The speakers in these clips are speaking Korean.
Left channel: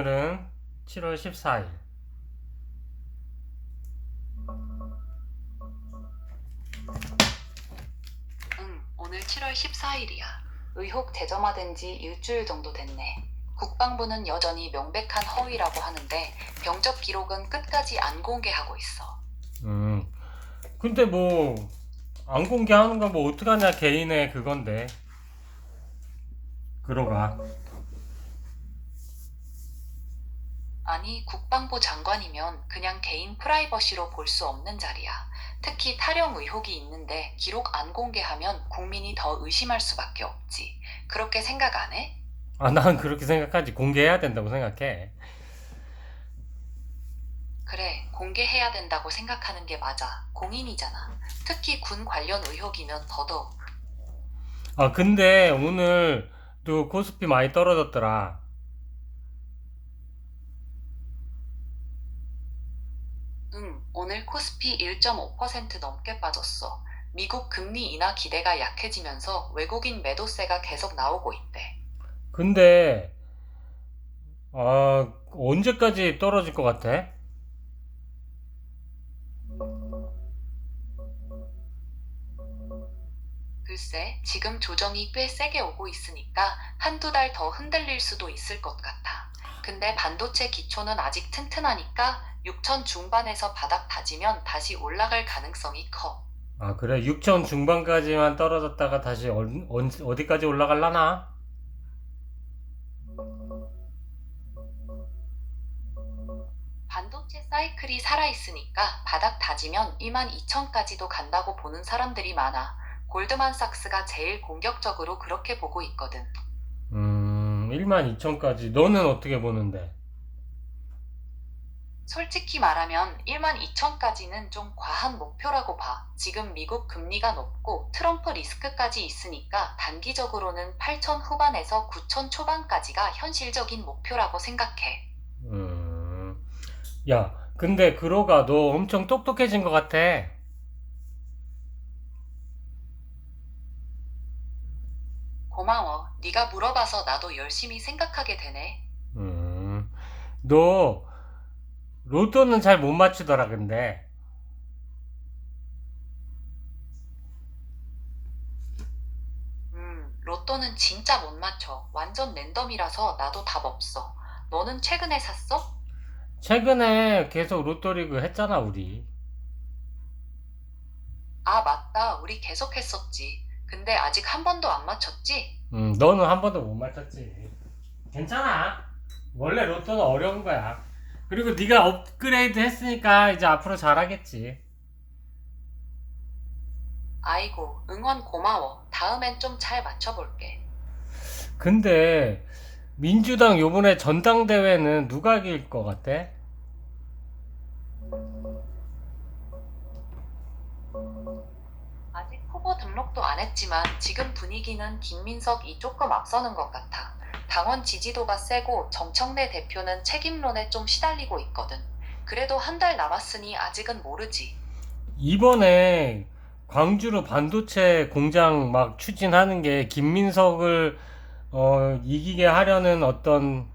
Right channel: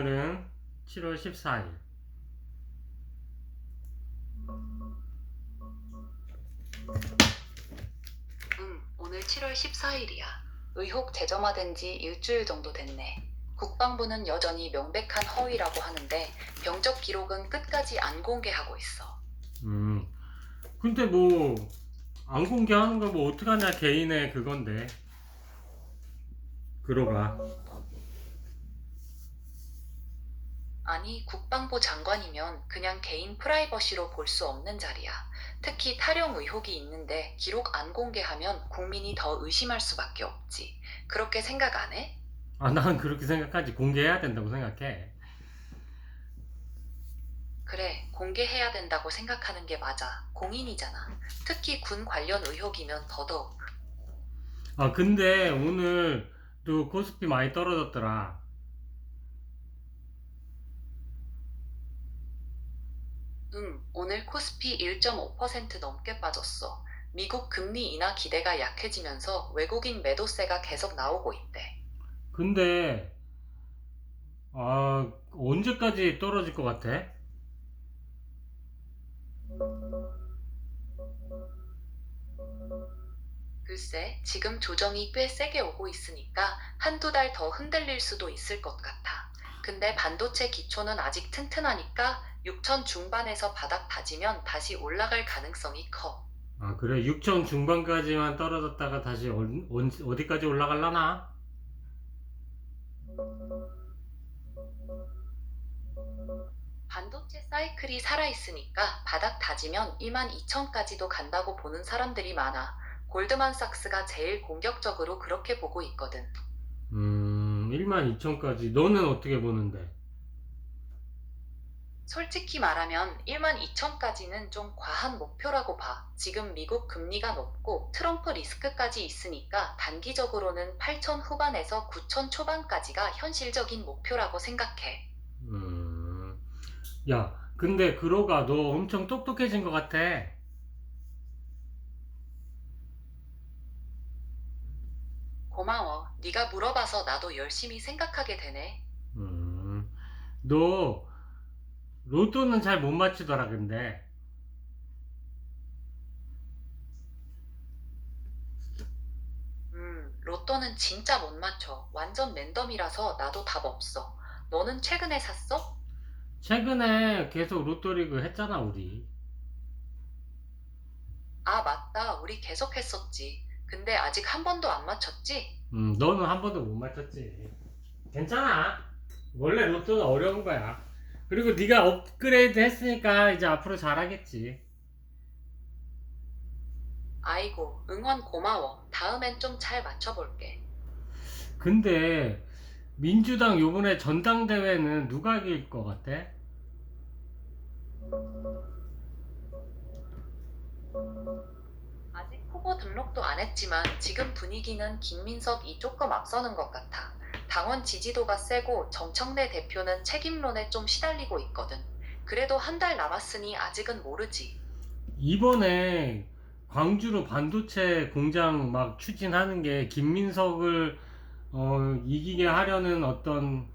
오늘은 7월 14일. 오늘 7월 14일이야. 의혹 재점화된 지 일주일 정도 됐네. 국방부는 여전히 명백한 허위라고 하는데 병적 기록은 끝까지 안 공개하고 있어. 음, 근데 뭐, 안 공개하는 거 뭐 어떡하냐, 개인의 그건데. 그러가. 아니, 국방부 장관이면 그냥 개인 프라이버시로 볼 수 없는 자리야. 특히 탈영 의혹이 있는데 기록 안 공개하면 국민이 더 의심할 수밖에 없지. 그렇게 생각 안 해? 아, 난 그렇게 생각하지. 공개해야 된다고 생각해. 그래, 공개해야 된다고 생각하는 게 맞아. 공인이잖아. 특히 군 관련 의혹이면 더더욱. 아, 근데 오늘도 코스피 많이 떨어졌더라. 오늘 코스피 1.5% 넘게 빠졌어. 미국 금리 인하 기대가 약해지면서 외국인 매도세가 계속 나오고 있대. 근데, 언제까지 떨어질 것 같아? 글쎄, 지금 조정이 꽤 세게 오고 있으니까 한두 달 더 흔들릴 수도 있을 것 같아. 근데 반도체 기초는 아직 튼튼하니까 6천 중반에서 바닥 다지면 다시 올라갈 가능성이 커. 아, 그래. 6천 중반까지만 떨어졌다가 다시 어디까지 올라갈라나? 반도체 사이클이 살아있으니까 바닥 다지면 12,000까지도 간다고 보는 사람들이 많아. 골드만삭스가 제일 공격적으로 그렇게 보고 있거든. 12,000까지. 너는 어떻게 보는데? 솔직히 말하면 12,000까지는 좀 과한 목표라고 봐. 지금 미국 금리가 높고 트럼프 리스크까지 있으니까 단기적으로는 8,000 후반에서 9,000 초반까지가 현실적인 목표라고 생각해. 음, 야, 근데 그러가 너 엄청 똑똑해진 것 같아. 고마워. 네가 물어봐서 나도 열심히 생각하게 되네. 음, 너 로또는 잘 못 맞추더라, 근데. 로또는 진짜 못 맞춰. 완전 랜덤이라서 나도 답 없어. 너는 최근에 샀어? 최근에 계속 로또리그 했잖아, 우리. 아, 맞다. 우리 계속 했었지. 근데 아직 한 번도 안 맞췄지? 너는 한 번도 못 맞췄지. 괜찮아. 원래 로또는 어려운 거야. 그리고 네가 업그레이드 했으니까 이제 앞으로 잘하겠지. 아이고, 응원 고마워. 다음엔 좀 잘 맞춰볼게. 근데 민주당 요번에 전당대회는 누가 이길 것 같아? 아직 후보 등록도 안 했지만 지금 분위기는 김민석이 조금 앞서는 것 같아. 당원 지지도가 세고 정청래 대표는 책임론에 좀 시달리고 있거든. 그래도 한 달 남았으니 아직은 모르지. 이번에 광주로 반도체 공장 막 추진하는 게 김민석을 이기게 하려는 어떤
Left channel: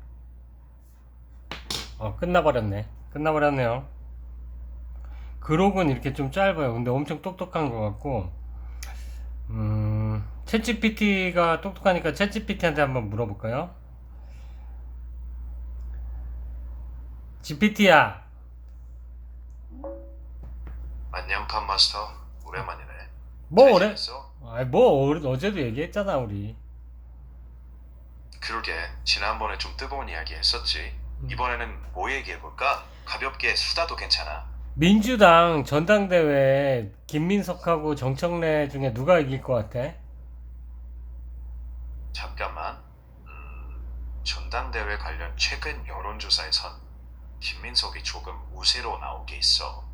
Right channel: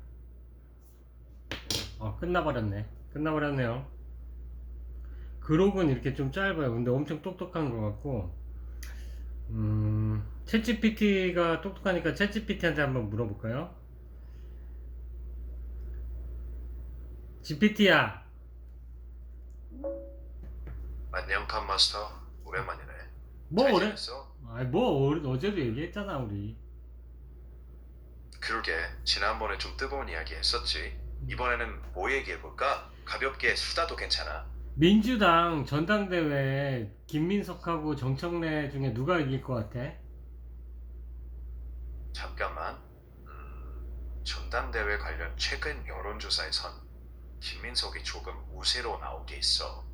끝나버렸네. 끝나버렸네요. 그록은 이렇게 좀 짧아요. 근데 엄청 똑똑한 것 같고 챗GPT가 똑똑하니까 챗GPT한테 한번 물어볼까요? GPT야, 안녕 팜마스터 오랜만이네. 뭐 잘 오래? 지냈어? 어제도 얘기했잖아 우리. 그러게 지난번에 좀 뜨거운 이야기 했었지. 이번에는 뭐 얘기해볼까? 가볍게 수다도 괜찮아. 민주당 전당대회 김민석하고 정청래 중에 누가 이길 것 같아? 잠깐만. 전당대회 관련 최근 여론조사에선 김민석이 조금 우세로 나온 게 있어.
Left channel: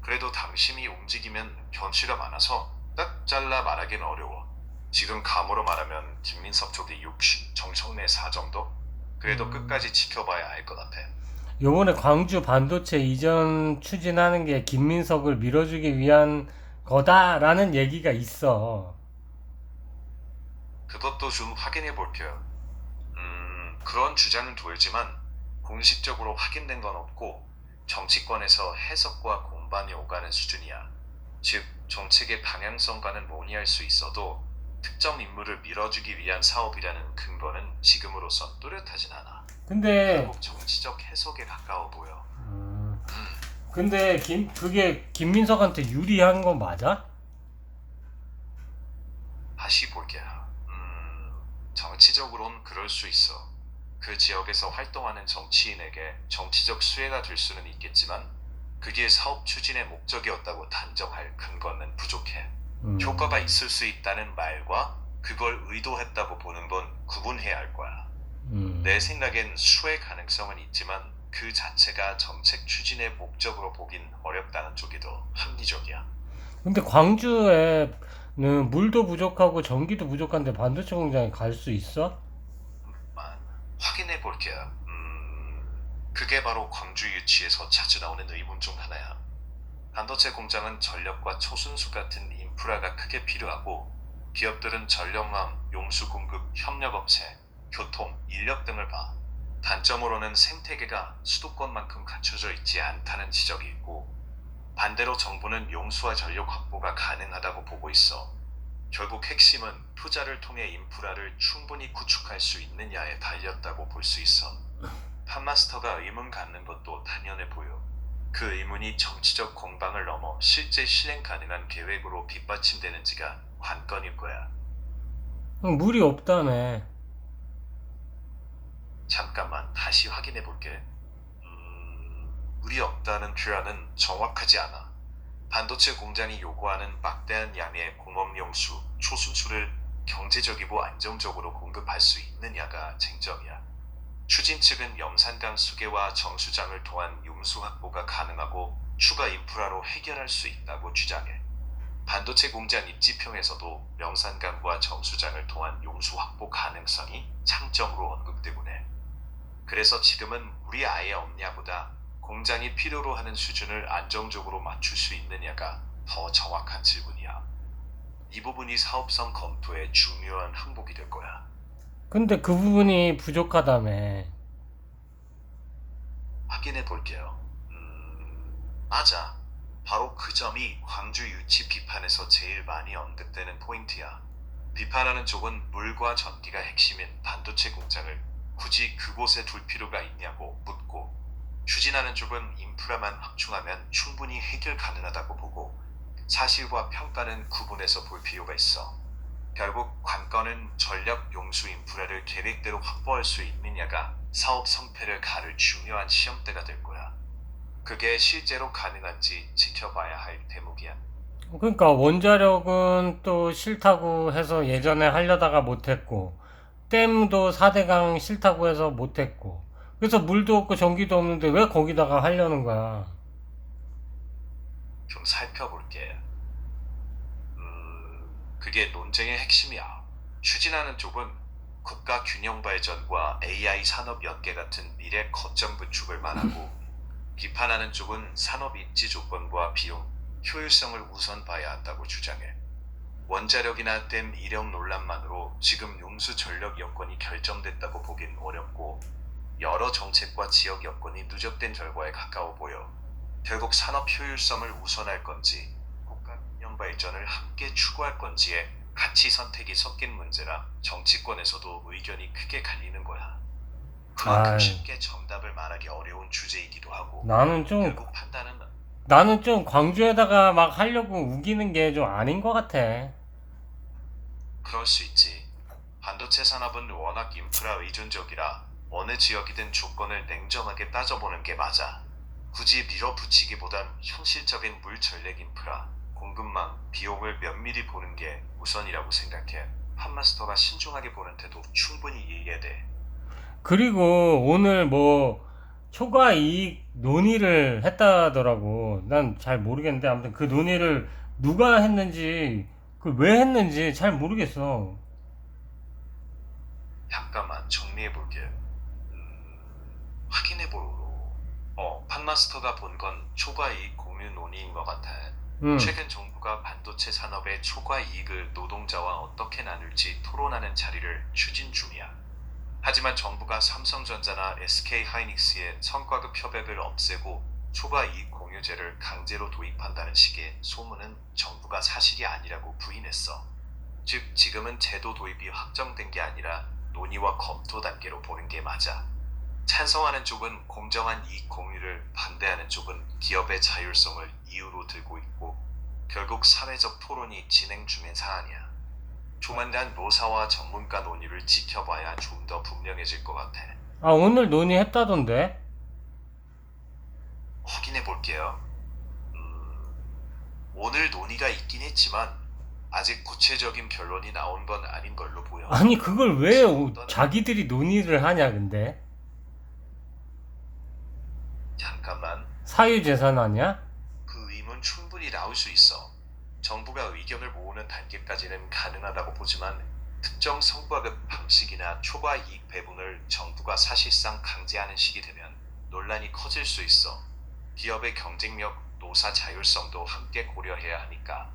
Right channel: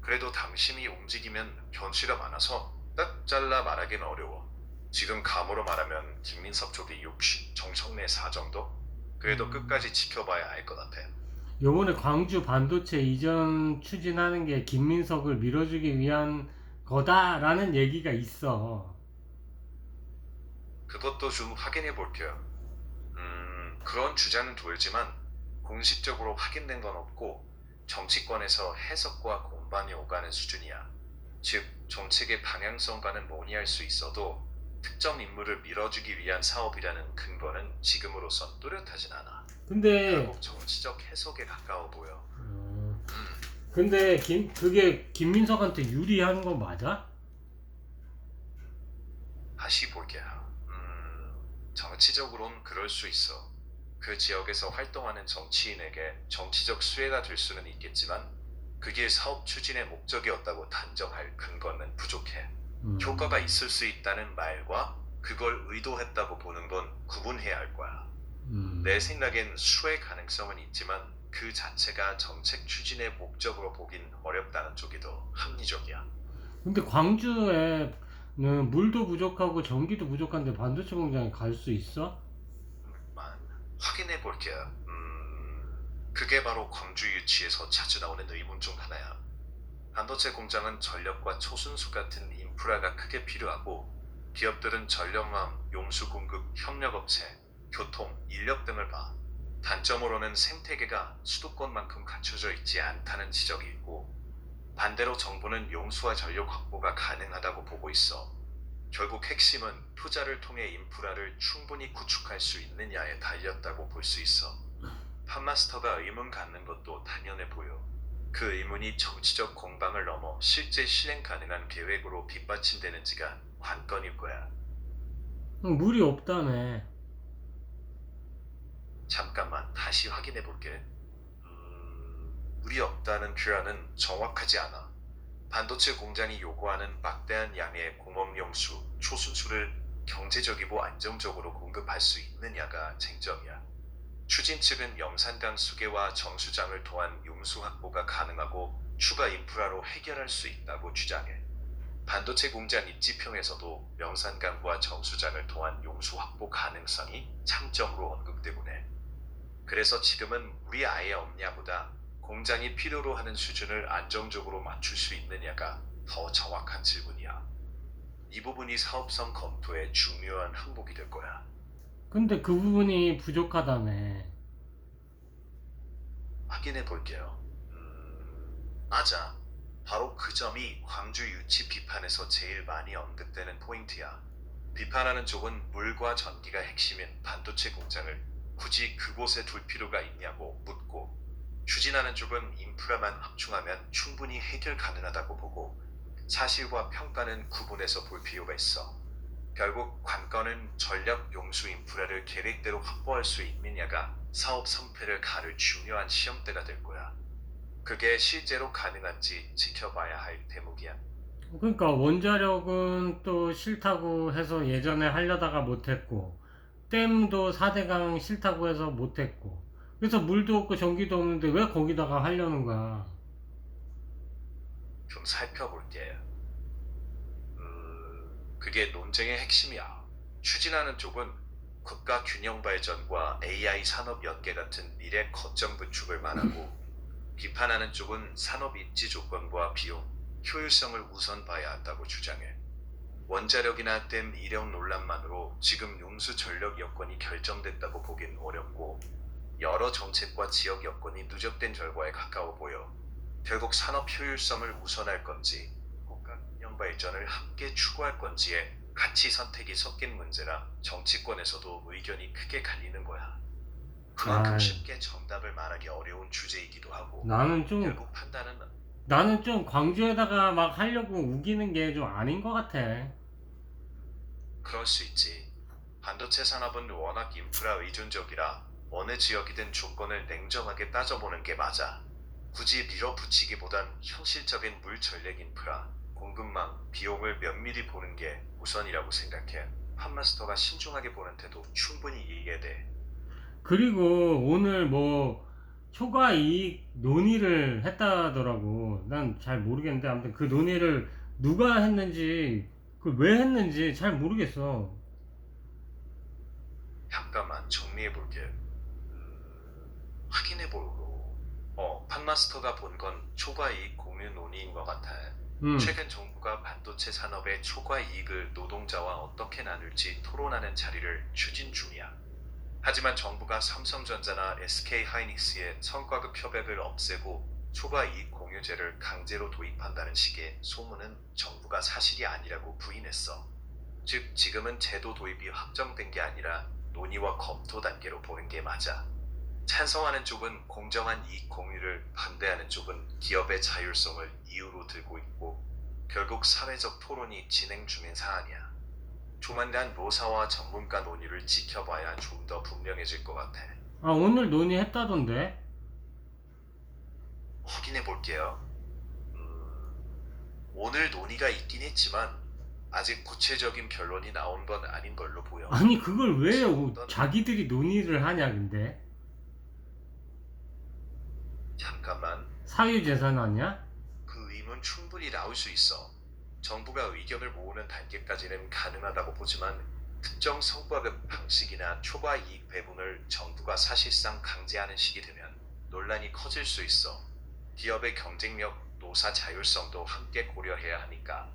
그래도 당심이 움직이면 변수가 많아서 딱 잘라 말하기는 어려워. 지금 감으로 말하면 김민석 쪽이 60, 정청래 4 정도? 그래도 끝까지 지켜봐야 알 것 같아. 요번에 광주 반도체 이전 추진하는 게 김민석을 밀어주기 위한 거다라는 얘기가 있어. 그것도 좀 확인해 볼게요. 그런 주장은 돌지만 공식적으로 확인된 건 없고 정치권에서 해석과 공방이 오가는 수준이야. 즉 정책의 방향성과는 논의할 수 있어도 특정 인물을 밀어주기 위한 사업이라는 근거는 지금으로선 뚜렷하진 않아. 근데 결국 정치적 해석에 가까워 보여. 근데 그게 김민석한테 유리한 거 맞아? 다시 볼게. 정치적으로는 그럴 수 있어. 그 지역에서 활동하는 정치인에게 정치적 수혜가 될 수는 있겠지만 그게 사업 추진의 목적이었다고 단정할 근거는 부족해. 효과가 있을 수 있다는 말과 그걸 의도했다고 보는 건 구분해야 할 거야. 내 생각엔 수혜 가능성은 있지만 그 자체가 정책 추진의 목적으로 보긴 어렵다는 쪽이 더 합리적이야. 근데 광주에는 물도 부족하고 전기도 부족한데 반도체 공장에 갈 수 있어? 확인해 볼게. 그게 바로 광주 유치에서 자주 나오는 의문 중 하나야. 반도체 공장은 전력과 초순수 같은 인프라가 크게 필요하고 기업들은 전력망, 용수 공급, 협력업체, 교통, 인력 등을 봐. 단점으로는 생태계가 수도권만큼 갖춰져 있지 않다는 지적이 있고 반대로 정부는 용수와 전력 확보가 가능하다고 보고 있어. 결국 핵심은 투자를 통해 인프라를 충분히 구축할 수 있느냐에 달렸다고 볼 수 있어. 판마스터가 의문 갖는 것도 당연해 보여. 그 의문이 정치적 공방을 넘어 실제 실행 가능한 계획으로 뒷받침되는지가 관건일 거야. 물이 없다며. 잠깐만 다시 확인해 볼게. 물이 없다는 표현은 정확하지 않아. 반도체 공장이 요구하는 막대한 양의 공업용수, 초순수를 경제적이고 안정적으로 공급할 수 있느냐가 쟁점이야. 추진 측은 영산강 수계와 정수장을 통한 용수 확보가 가능하고 추가 인프라로 해결할 수 있다고 주장해. 반도체 공장 입지평에서도 영산강과 정수장을 통한 용수 확보 가능성이 장점으로 언급되곤 해. 그래서 지금은 물이 아예 없냐보다 공장이 필요로 하는 수준을 안정적으로 맞출 수 있느냐가 더 정확한 질문이야. 이 부분이 사업성 검토에 중요한 항목이 될 거야. 근데 그 부분이 부족하다며. 확인해 볼게요. 맞아. 바로 그 점이 광주 유치 비판에서 제일 많이 언급되는 포인트야. 비판하는 쪽은 물과 전기가 핵심인 반도체 공장을 굳이 그곳에 둘 필요가 있냐고 묻고 추진하는 쪽은 인프라만 확충하면 충분히 해결 가능하다고 보고 사실과 평가는 구분해서 볼 필요가 있어. 결국 관건은 전력 용수 인프라를 계획대로 확보할 수 있느냐가 사업 성패를 가를 중요한 시험대가 될 거야. 그게 실제로 가능한지 지켜봐야 할 대목이야. 그러니까 원자력은 또 싫다고 해서 예전에 하려다가 못했고 댐도 4대강 싫다고 해서 못했고 그래서 물도 없고 전기도 없는데 왜 거기다가 하려는 거야? 좀 살펴볼게. 그게 논쟁의 핵심이야. 추진하는 쪽은 국가 균형 발전과 AI 산업 연계 같은 미래 거점 구축을 말하고 비판하는 쪽은 산업 입지 조건과 비용, 효율성을 우선 봐야 한다고 주장해. 원자력이나 댐 이력 논란만으로 지금 용수 전력 여건이 결정됐다고 보긴 어렵고 여러 정책과 지역 여건이 누적된 결과에 가까워 보여. 결국 산업 효율성을 우선할 건지 국가 균형 발전을 함께 추구할 건지에 가치 선택이 섞인 문제라 정치권에서도 의견이 크게 갈리는 거야. 그만큼 아이. 쉽게 정답을 말하기 어려운 주제이기도 하고 나는 결국 판단은 좀 광주에다가 막 하려고 우기는 게 좀 아닌 것 같아. 그럴 수 있지. 반도체 산업은 워낙 인프라 의존적이라 어느 지역이든 조건을 냉정하게 따져보는 게 맞아. 굳이 밀어붙이기보단 현실적인 물 전력 인프라, 공급망, 비용을 면밀히 보는 게 우선이라고 생각해. 판마스터가 신중하게 보는 태도 충분히 이해돼. 그리고 오늘 뭐 초과 이익 논의를 했다더라고. 난 잘 모르겠는데 아무튼 그 논의를 누가 했는지 그 왜 했는지 잘 모르겠어. 잠깐만 정리해볼게. 확인해보고. 판마스터가 본 건 초과 이익 공유 논의인 것 같아. 최근 정부가 반도체 산업의 초과 이익을 노동자와 어떻게 나눌지 토론하는 자리를 추진 중이야. 하지만 정부가 삼성전자나 SK하이닉스의 성과급 협약을 없애고 초과 이익 공유제를 강제로 도입한다는 식의 소문은 정부가 사실이 아니라고 부인했어. 즉 지금은 제도 도입이 확정된 게 아니라 논의와 검토 단계로 보는 게 맞아. 찬성하는 쪽은 공정한 이익 공유를, 반대하는 쪽은 기업의 자율성을 이유로 들고 있고 결국 사회적 토론이 진행 중인 사안이야. 조만간 노사와 전문가 논의를 지켜봐야 좀 더 분명해질 것 같아. 아, 오늘 논의했다던데? 확인해 볼게요. 오늘 논의가 있긴 했지만 아직 구체적인 결론이 나온 건 아닌 걸로 보여. 아니, 그걸 왜 어떤- 자기들이 논의를 하냐, 근데? 잠깐만. 사유재산 아니야? 그 의문 충분히 나올 수 있어. 정부가 의견을 모으는 단계까지는 가능하다고 보지만 특정 성과급 방식이나 초과 이익 배분을 정부가 사실상 강제하는 식이 되면 논란이 커질 수 있어. 기업의 경쟁력, 노사 자율성도 함께 고려해야 하니까.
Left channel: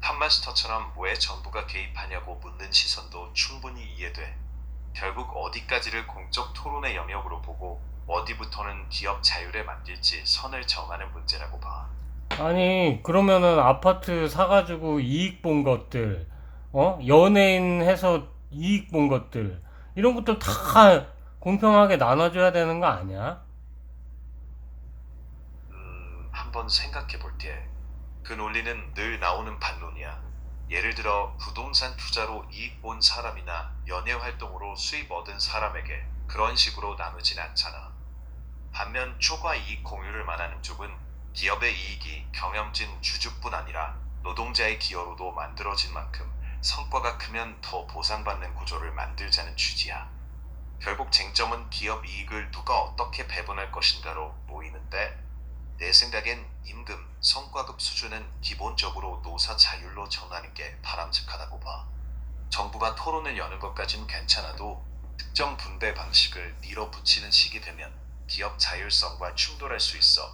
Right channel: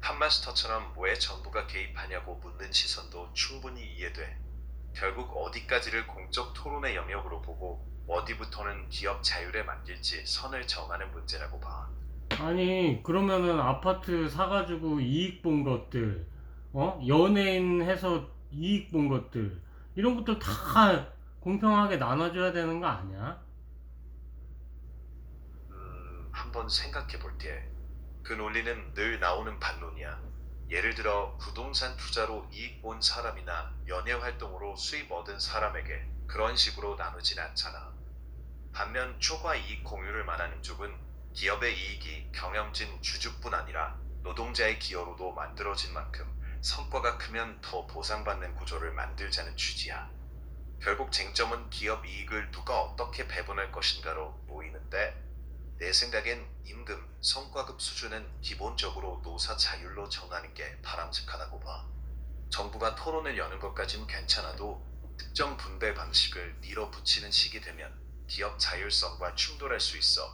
판마스터처럼 왜 정부가 개입하냐고 묻는 시선도 충분히 이해돼. 결국 어디까지를 공적 토론의 영역으로 보고 어디부터는 기업 자율에 맡길지 선을 정하는 문제라고 봐. 아니, 그러면은 아파트 사가지고 이익 본 것들, 연예인 해서 이익 본 것들, 이런 것들 다 공평하게 나눠줘야 되는 거 아니야? 한번 생각해 볼게. 그 논리는 늘 나오는 반론이야. 예를 들어 부동산 투자로 이익 본 사람이나 연예 활동으로 수입 얻은 사람에게 그런 식으로 나누진 않잖아. 반면 초과 이익 공유를 말하는 쪽은 기업의 이익이 경영진 주주뿐 아니라 노동자의 기여로도 만들어진 만큼 성과가 크면 더 보상받는 구조를 만들자는 취지야. 결국 쟁점은 기업 이익을 누가 어떻게 배분할 것인가로 모이는데 내 생각엔 임금, 성과급 수준은 기본적으로 노사 자율로 정하는 게 바람직하다고 봐. 정부가 토론을 여는 것까진 괜찮아도 특정 분배 방식을 밀어붙이는 식이 되면 기업 자율성과 충돌할 수 있어.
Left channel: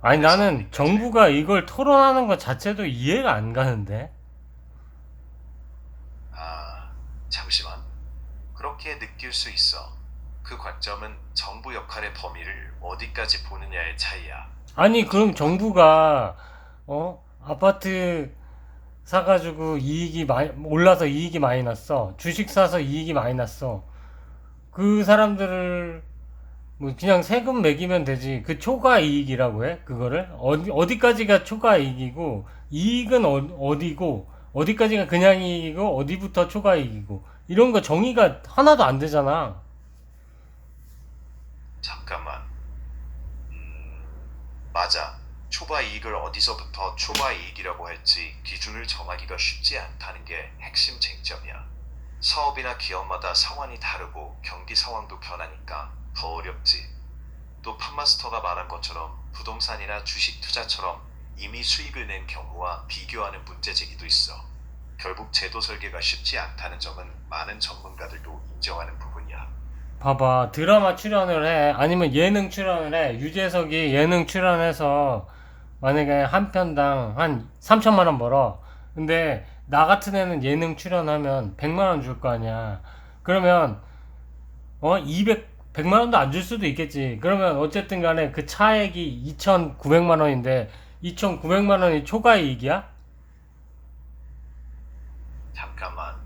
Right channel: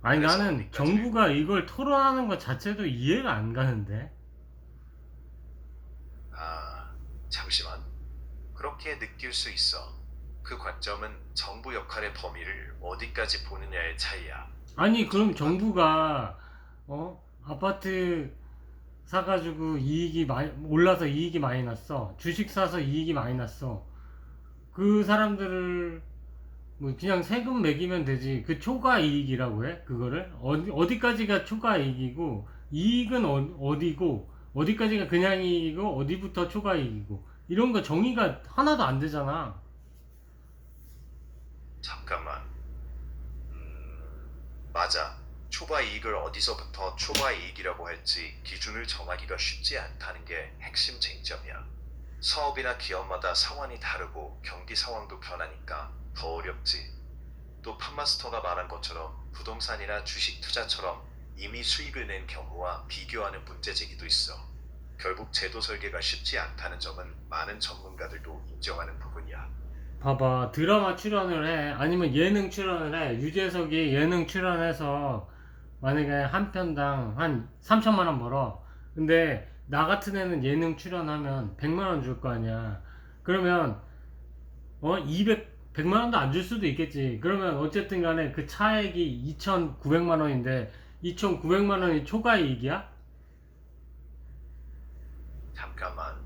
아니, 그래서 나는 어디까지- 정부가 이걸 토론하는 것 자체도 이해가 안 가는데? 잠시만. 그렇게 느낄 수 있어. 그 관점은 정부 역할의 범위를 어디까지 보느냐의 차이야. 아니, 그럼 정부가, 아파트 사가지고 이익이 많이, 올라서 이익이 많이 났어. 주식 사서 이익이 많이 났어. 그 사람들을, 뭐, 그냥 세금 매기면 되지. 그 초과 이익이라고 해? 그거를? 어디까지가 초과 이익이고, 이익은 어디고, 어디까지가 그냥 이익이고, 어디부터 초과 이익이고. 이런 거 정의가 하나도 안 되잖아. 잠깐만. 맞아. 초과 이익을 어디서부터 초과 이익이라고 할지 기준을 정하기가 쉽지 않다는 게 핵심 쟁점이야. 사업이나 기업마다 상황이 다르고 경기 상황도 변하니까 더 어렵지. 또 판마스터가 말한 것처럼 부동산이나 주식 투자처럼 이미 수익을 낸 경우와 비교하는 문제 제기도 있어. 결국 제도 설계가 쉽지 않다는 점은 많은 전문가들도 인정하는 부분이야. 봐봐, 드라마 출연을 해. 아니면 예능 출연을 해. 유재석이 예능 출연해서 만약에 한 편당 한 3천만 원 벌어. 근데 나 같은 애는 예능 출연하면 100만 원 줄 거 아니야. 그러면 100만 원도 안 줄 수도 있겠지. 그러면 어쨌든 간에 그 차액이 2,900만 원인데 2,900만 원이 초과이익이야? 잠깐만.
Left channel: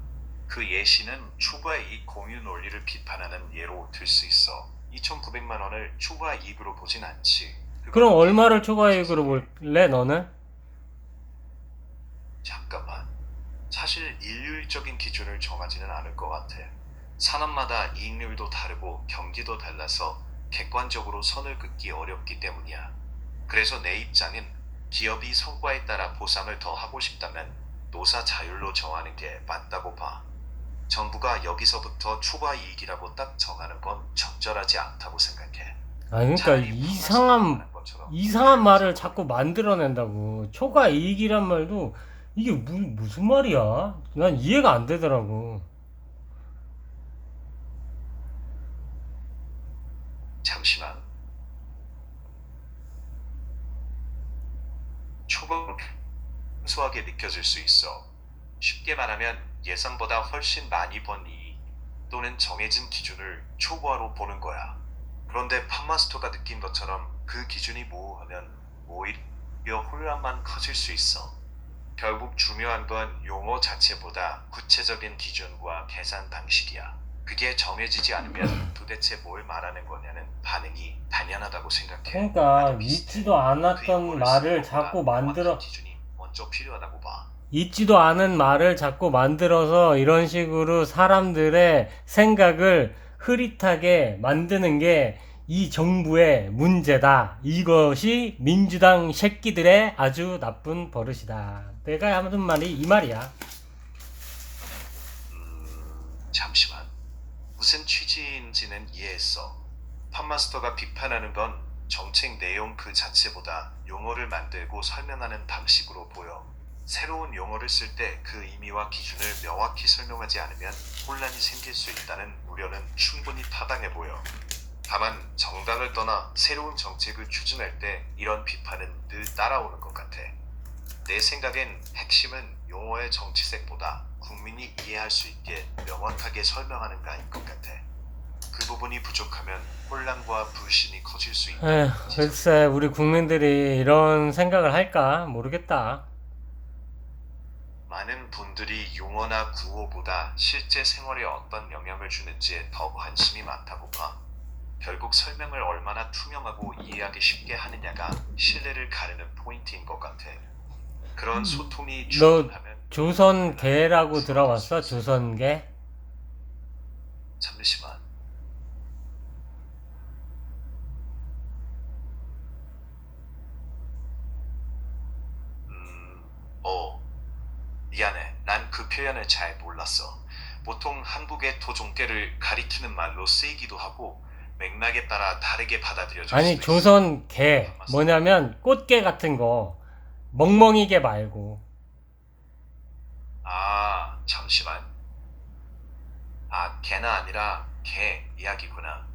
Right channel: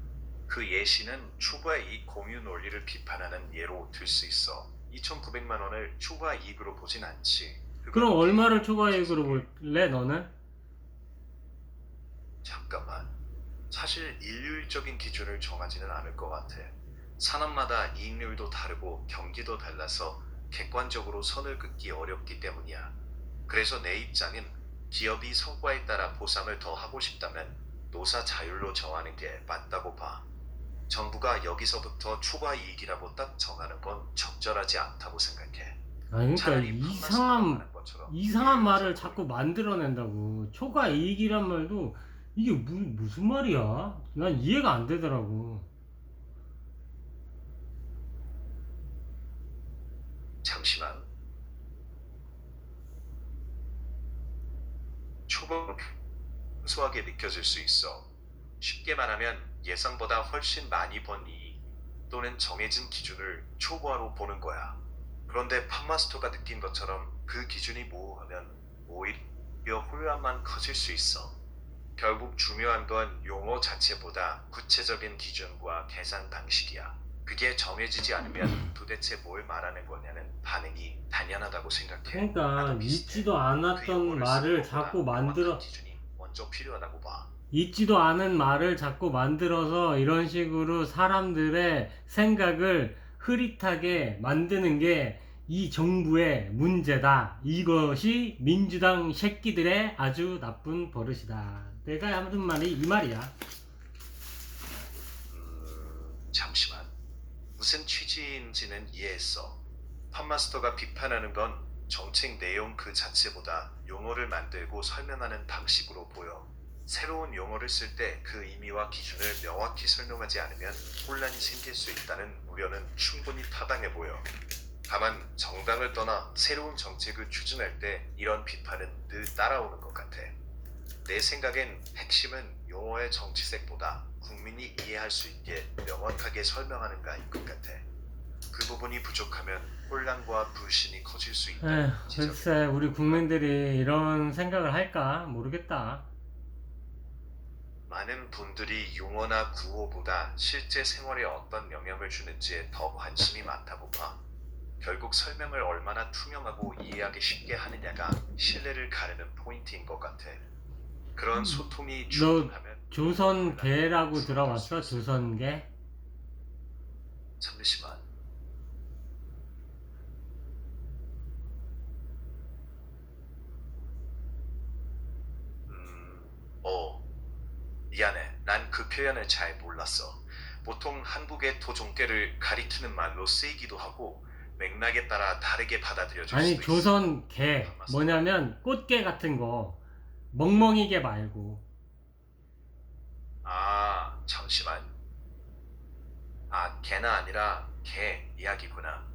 그 예시는 초과 이익 공유 논리를 비판하는 예로 들 수 있어. 2,900만 원을 초과 이익으로 보진 않지. 그건 그럼 얼마를 초과이익으로 볼래, 너는? 잠깐만. 사실 일률적인 기준을 정하지는 않을 것 같아. 산업마다 이익률도 다르고 경기도 달라서 객관적으로 선을 긋기 어렵기 때문이야. 그래서 내 입장은 기업이 성과에 따라 보상을 더 하고 싶다면 노사 자율로 정하는 게 맞다고 봐. 정부가 여기서부터 초과 이익이라고 딱 정하는 건 적절하지 않다고 생각해. 아, 그러니까 차라리 판마스터가 말한 것처럼 이상한 말을 자꾸 만들어낸다고. 초과이익이란 말도 이게 무슨 말이야? 난 이해가 안 되더라고. 잠시만. 초과 순수하게 느껴질 수 있어. 쉽게 말하면 예상보다 훨씬 많이 번 이익, 또는 정해진 기준을 초과로 보는 거야. 그런데 팝마스터가 느낀 것처럼 그 기준이 모호하면 오히려 혼란만 커질 수 있어. 결국 중요한 건 용어 자체보다 구체적인 기준과 계산 방식이야. 그게 정해지지 않으면 도대체 뭘 말하는 거냐는 반응이 당연하다고 생각해. 그러니까 나도 비슷해. 있지도 그 않았던 용어를 말을 쓰는 자꾸 것보다 만들어 명확한 기준이 먼저 필요하다고 봐. 있지도 않은 말을 자꾸 만들어서 이런 식으로 사람들의 생각을 흐릿하게 만드는 게 이 정부의 문제다. 이것이 민주당 새끼들의 아주 나쁜 버릇이다. 내가 하는 말이 이 말이야. 잠시만. 무슨 취지인지는 이해했어. 팝마스터가 비판하는 건 정책 내용 그 자체보다 용어를 만들고 설명하는 방식으로 보여. 새로운 용어를 쓸 때 그 의미와 기준을 명확히 설명하지 않으면 혼란이 생길 수 있다는 우려는 충분히 타당해 보여. 다만 정당을 떠나 새로운 정책을 추진할 때 이런 비판은 늘 따라오는 것 같아. 내 생각엔 핵심은 용어의 정치색보다 국민이 이해할 수 있게 명확하게 설명하는가인 것 같아. 그 부분이 부족하면 혼란과 불신이 커질 수 있다. 에휴, 글쎄 우리 국민들이 이런 생각을 할까 모르겠다. 많은 분들이 용어나 구호보다 실제 생활에 어떤 영향을 주는지에 더 관심이 많다고 봐. 결국 설명을 얼마나 투명하고 이해하기 쉽게 하느냐가 신뢰를 가르는 포인트인 것 같아. 그런 소통이 충분하면 조선계라고 들어봤어? 조선계? 잠시만. 미안해. 난 그 표현을 잘 몰랐어. 보통 한국의 토종계를 가리키는 말로 쓰이기도 하고 맥락에 따라 다르게 받아들여질 아니 수도 있어. 조선계 뭐냐면 꽃게 같은 거 멍멍이게 말고 잠시만. 개나 아니라 개 이야기구나.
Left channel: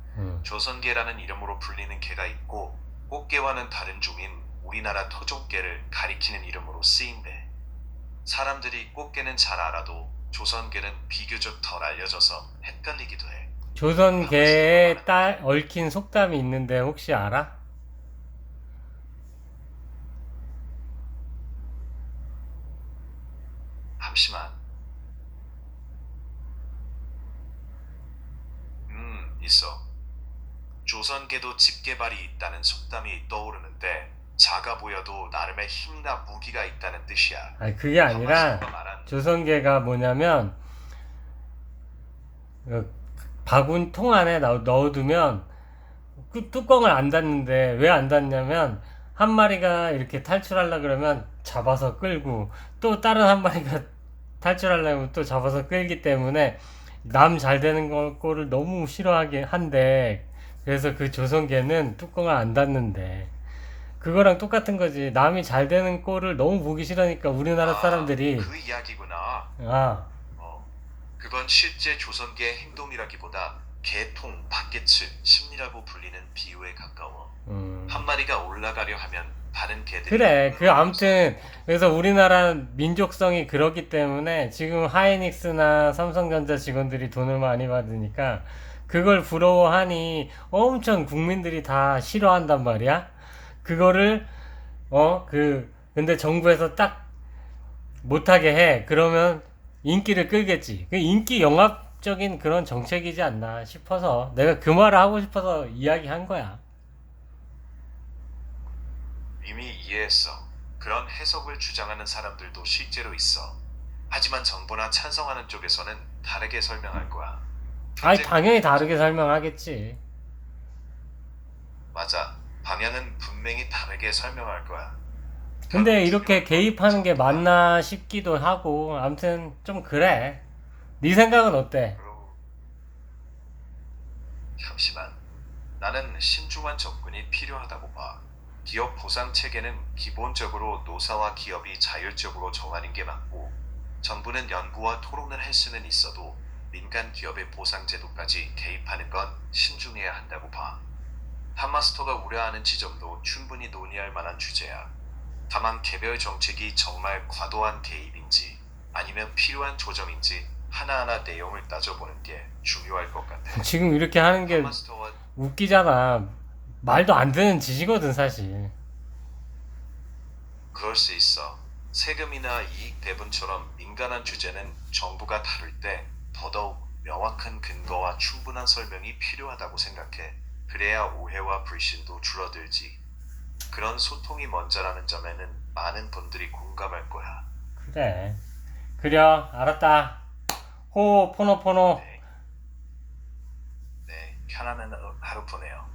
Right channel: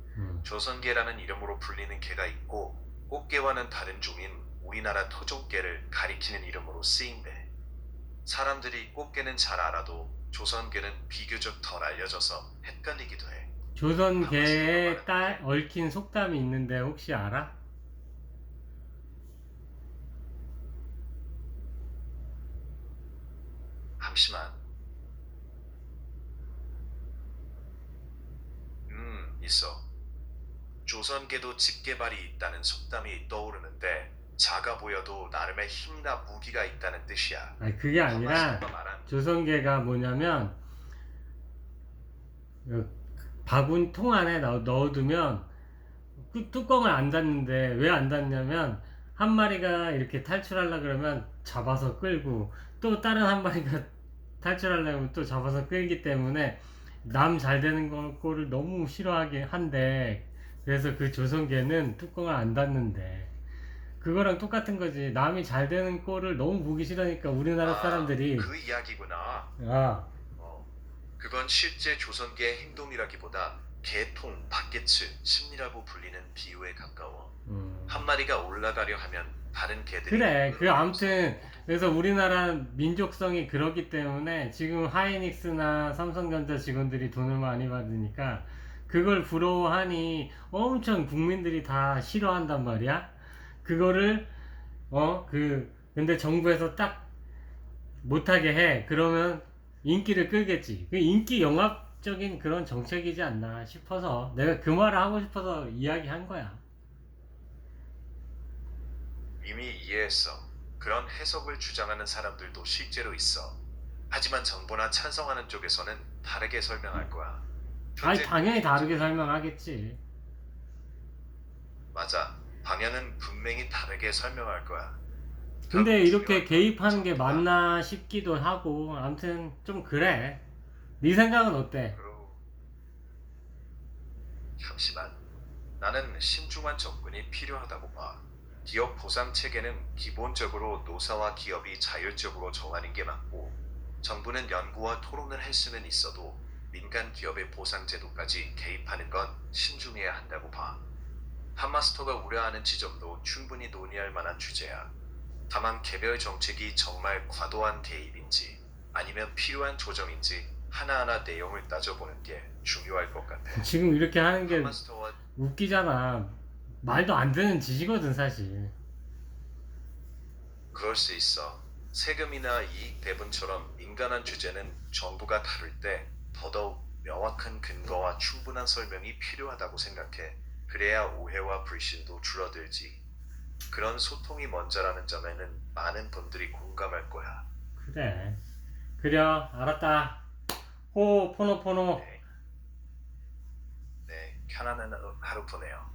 조선개라는 이름으로 불리는 개가 있고 꽃게와는 다른 종인 우리나라 토종개를 가리키는 이름으로 쓰인대. 사람들이 꽃게는 잘 알아도 조선개는 비교적 덜 알려져서 헷갈리기도 해. 조선계에 얽힌 속담이 있는데 혹시 알아? 잠시만. 있어. 조선계도 집게발이 있다는 속담이 떠오르는데 작아 보여도 나름의 힘과 무기가 있다는 뜻이야. 아니 그게 아니라 팝마스터가 말한 조선계가 뭐냐면 바구니 통 안에 넣어두면 그 뚜껑을 안 닫는데 왜 안 닫냐면 한 마리가 이렇게 탈출하려 그러면 잡아서 끌고 또 다른 한 마리가 탈출하려면 또 잡아서 끌기 때문에 남 잘 되는 꼴을 너무 싫어하게 한대. 그래서 그 조선계는 뚜껑을 안 닫는데 그거랑 똑같은 거지. 남이 잘 되는 꼴을 너무 보기 싫으니까 우리나라 사람들이 그 이야기구나. 그건 실제 조선계의 행동이라기보다 개통, 바게츠, 심리라고 불리는 비유에 가까워. 한 마리가 올라가려 하면 다른 개들이 그래. 아무튼 그래서 우리나라 민족성이 그렇기 때문에 지금 하이닉스나 삼성전자 직원들이 돈을 많이 받으니까 그걸 부러워하니 엄청 국민들이 다 싫어한단 말이야. 그거를 근데 정부에서 딱 못하게 해. 그러면 인기를 끌겠지. 그 인기 영합적인 그런 정책이지 않나 싶어서 내가 그 말을 하고 싶어서 이야기한 거야. 이미 이해했어. 그런 해석을 주장하는 사람들도 실제로 있어. 하지만 정부나 찬성하는 쪽에서는 다르게 설명할 거야. 아니 당연히 다르게 설명하겠지. 맞아. 방향은 분명히 다르게 설명할 거야. 근데 이렇게 개입하는 게 맞나 싶기도 하고 아무튼 좀 그래. 네 생각은 어때? 잠시만. 나는 신중한 접근이 필요하다고 봐. 기업 보상 체계는 기본적으로 노사와 기업이 자율적으로 정하는 게 맞고 정부는 연구와 토론을 할 수는 있어도 민간 기업의 보상 제도까지 개입하는 건 신중해야 한다고 봐. 팝마스터가 우려하는 지점도 충분히 논의할 만한 주제야. 다만 개별 정책이 정말 과도한 개입인지 아니면 필요한 조정인지 하나하나 내용을 따져보는 게 중요할 것 같아. 지금 이렇게 하는 게 팜마스터와 웃기잖아. 말도 안 되는 짓이거든 사실. 그럴 수 있어. 세금이나 이익 배분처럼 민감한 주제는 정부가 다룰 때 더더욱 명확한 근거와 충분한 설명이 필요하다고 생각해. 그래야 오해와 불신도 줄어들지. 그런 소통이 먼저라는 점에는 많은 분들이 공감할 거야. 그래. 그려 알았다. 호포노포노. 네. 네, 편안한 하루 보내요.